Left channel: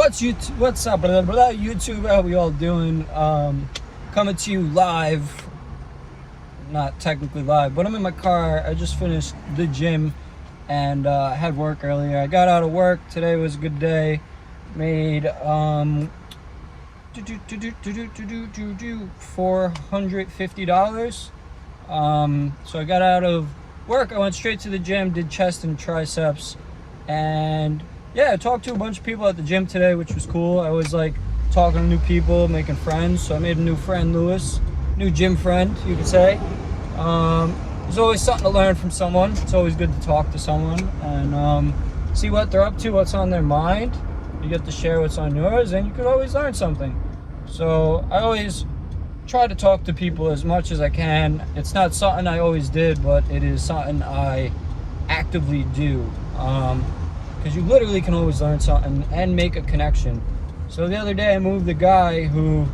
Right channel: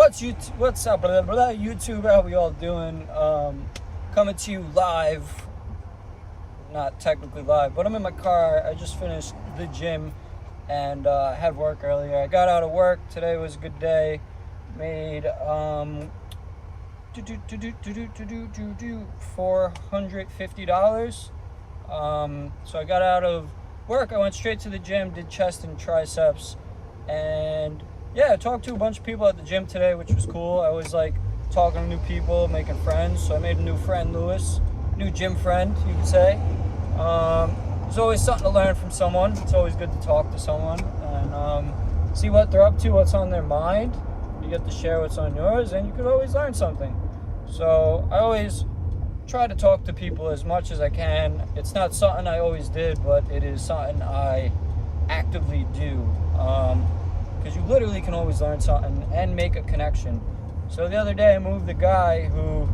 What's up, blah, blah, blah, YouTube? How we all doing? Coming to you live. Not technically live, but I'm in my car. I just finished the gym and had work earlier. I got out of work. Today was a good day. Made $450. So I got out of work. I went straight to the gym, did chest and triceps, and yeah, I talked to a bunch of people at the gym today, which was cool. I always like talking to new people, making friends. So I made a new friend, Lewis, new gym friend, you could say. There's always something to learn from someone. It's always good to talk to someone and see what they're up to, what's on their mind. You get to share what's on yours, and you could always learn something. So I always try to talk to people as much as I can. It's not something I always did, but it is something I actively do. Because you literally can always learn something and make a connection. So the other day I moved a guy who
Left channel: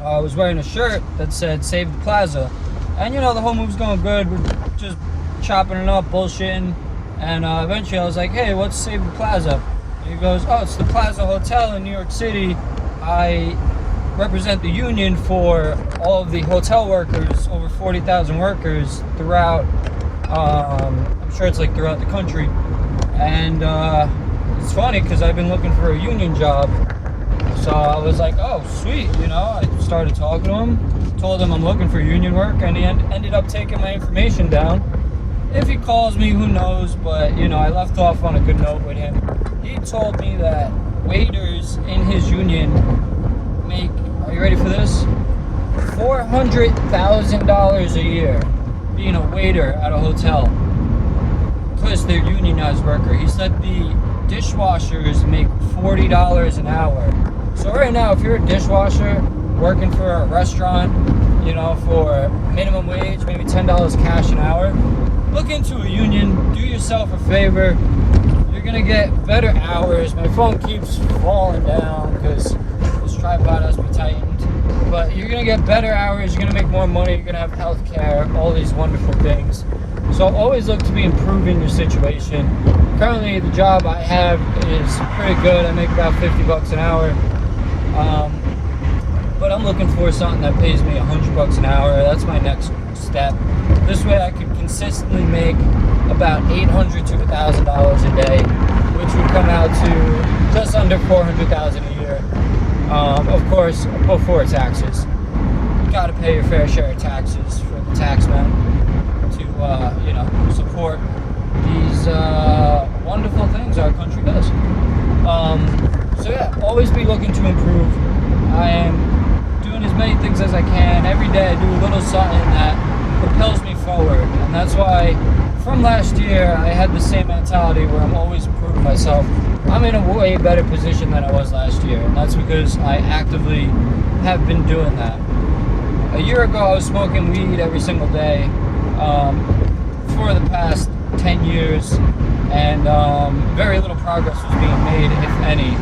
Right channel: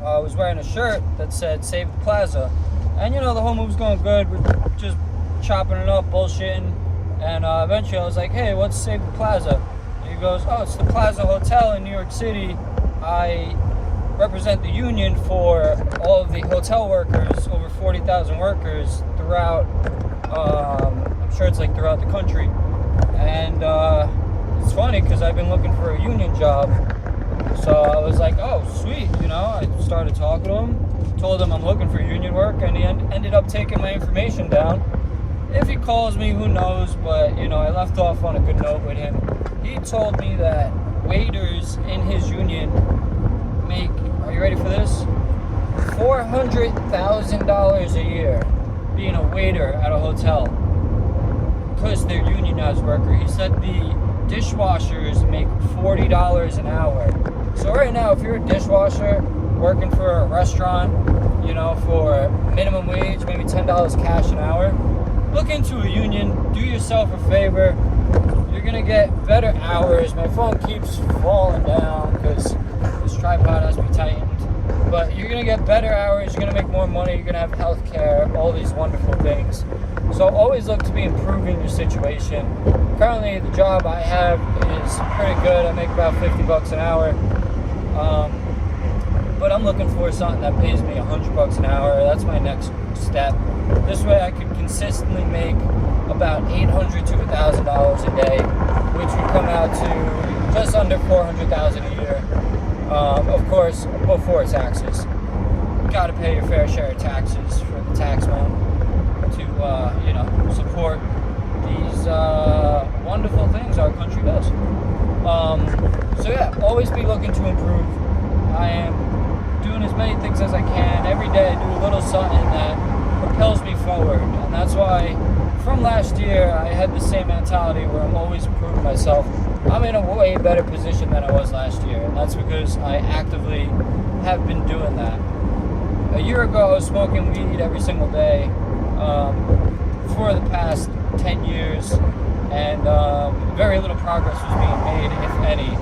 was wearing a shirt that said "Save the Plaza," and you know, the whole move's going good. We're just chopping it up, bullshitting, and eventually I was like, "Hey, what's Save the Plaza?" And he goes, "Oh, it's the Plaza Hotel in New York City. I represent the union for all of the hotel workers, over 40,000 workers throughout, I'm sure it's like throughout the country." And it's funny because I've been looking for a union job, so I was like, "Oh, sweet," you know. I started talking to him, told him I'm looking for union work, and he ended up taking my information down. If he calls me, who knows, but you know, I left off on a good note with him. He told me that waiters in his union make, are you ready for this? $400,000 a year being a waiter at a hotel, because they're unionized worker. He said the dishwashers make $40 an hour. So right now, if you're a dishwasher working for a restaurant, you know, for minimum wage, maybe $10 cash an hour, look into a union, do yourself a favor. You're gonna get better hours. My phone keeps falling down because this tripod has been tightened. But you're gonna get better hours, you're gonna make more money, you're gonna have health care, all these wonderful things. So always look to be improving your situation. Currently, the job I have is pretty good. I make about $50 an hour. But I'm looking for something that pays me $100 an hour. That's my next step. This way I can consistently make about $800 to $1,000 a day, which would come out to just under $400,000 a year. Of course, before taxes. You gotta pay your fair share of taxes for the tax man to, you know, support these wonderful things our country does. So yeah, always be looking to improve. I am doing as many things as I can. Every day I do a little something that propels me forward. And that's why from last year I had the same mentality where I'm always improving myself. I'm in a way better position than I was last year. And that's because I actively have been doing that. A year ago I was smoking weed every single day for the past 10 years. And very little progress was being made, if any.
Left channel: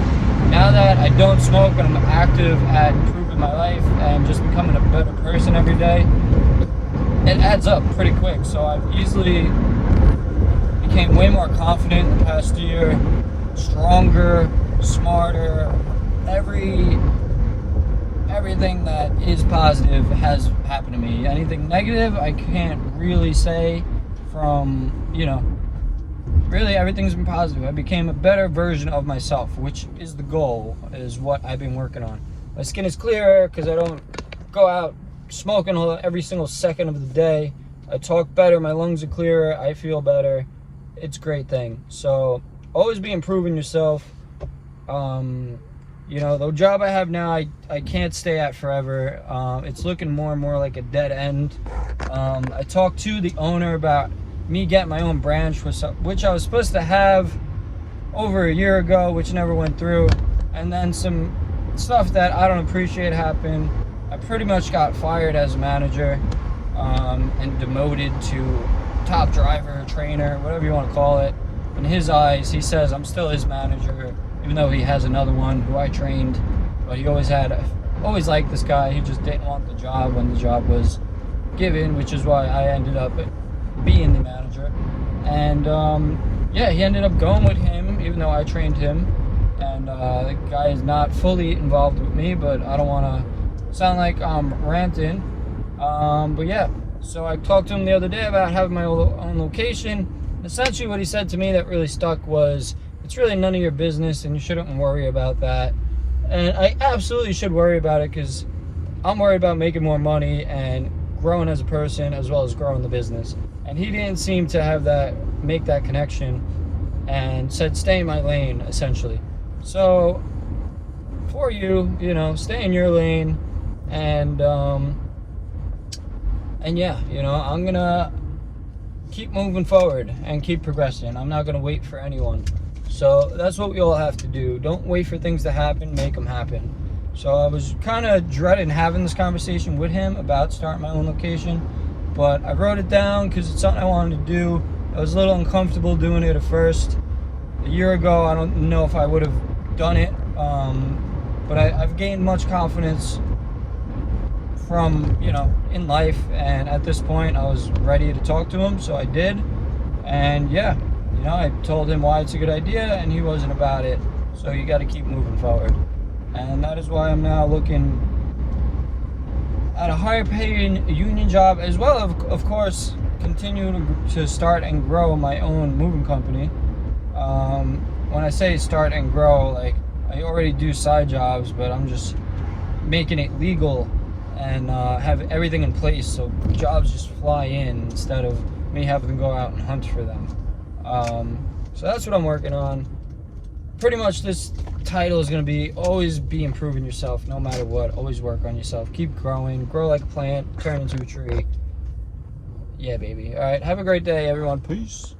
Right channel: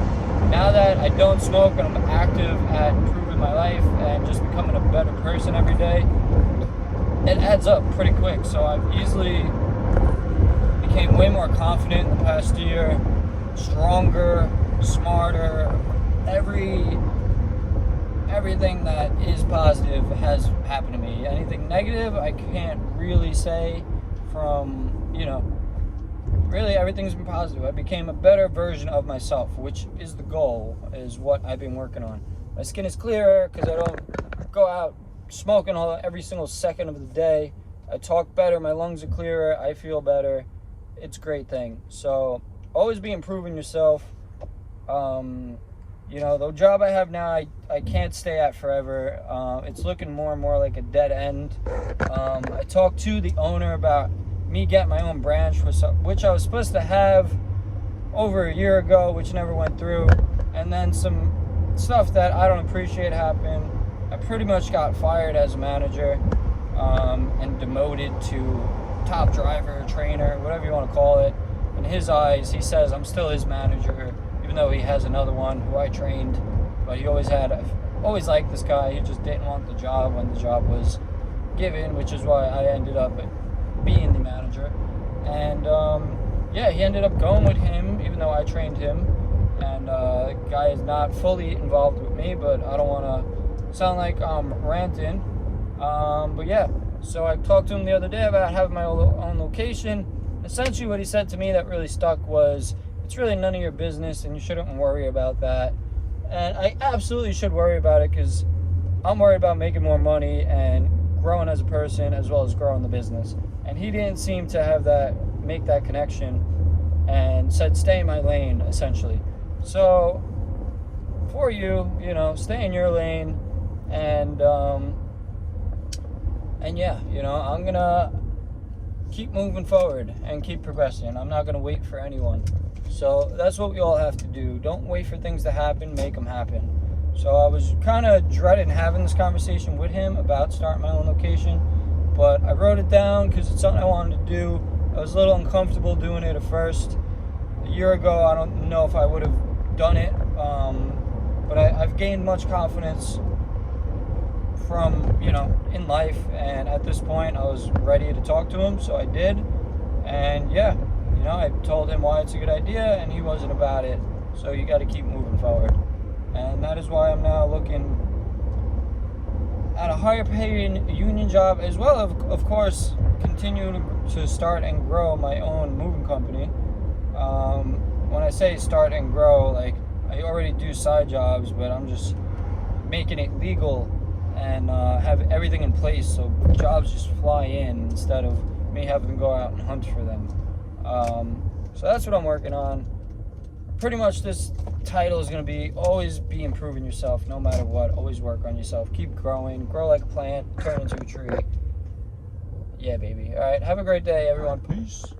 Now that I don't smoke and I'm active at improving my life and just becoming a better person every day, it adds up pretty quick. So I've easily became way more confident in the past year, stronger, smarter. Everything that is positive has happened to me. Anything negative, I can't really say from, you know, really everything's been positive. I became a better version of myself, which is the goal, is what I've been working on. My skin is clearer because I don't go out smoking every single second of the day. I talk better, my lungs are clearer, I feel better. It's a great thing. So always be improving yourself. You know, the job I have now, I can't stay at forever. It's looking more and more like a dead end. I talked to the owner about me getting my own branch, which I was supposed to have over a year ago, which never went through. And then some stuff that I don't appreciate happened. I pretty much got fired as a manager and demoted to top driver, trainer, whatever you want to call it. In his eyes, he says I'm still his manager, even though he has another one who I trained. But he always liked this guy. He just didn't want the job when the job was given, which is why I ended up being the manager. And yeah, he ended up going with him, even though I trained him. and the guy is not fully involved with me, but I don't want to sound like I'm ranting. But yeah, so I talked to him the other day about having my own location. Essentially what he said to me that really stuck was, it's really none of your business and you shouldn't worry about that. And I absolutely should worry about it, because I'm worried about making more money and growing as a person as well as growing the business. And he didn't seem to make that connection, and said stay in my lane, essentially. So for you, stay in your lane, and yeah, I'm gonna keep moving forward and keep progressing. I'm not gonna wait for anyone. So that's what we all have to do. Don't wait for things to happen, make them happen. So I was kind of dreading having this conversation with him about starting my own location, but I wrote it down because it's something I wanted to do. I was a little uncomfortable doing it at first. A year ago, I don't know if I would have done it, but I've gained much confidence from, in life, and at this point I was ready to talk to him, so I did. And yeah, I told him why it's a good idea, and he wasn't about it. So you got to keep moving forward, and that is why I'm now looking at a higher paying union job, as well as, of course, continue to start and grow my own moving company. When I say start and grow, like, I already do side jobs, but I'm just making it legal and have everything in place so jobs just fly in instead of me having to go out and hunt for them. So that's what I'm working on. Pretty much this title is going to be always be improving yourself no matter what. Always work on yourself. Keep growing. Grow like a plant. Turn into a tree. Yeah, baby. All right. Have a great day, everyone. Peace.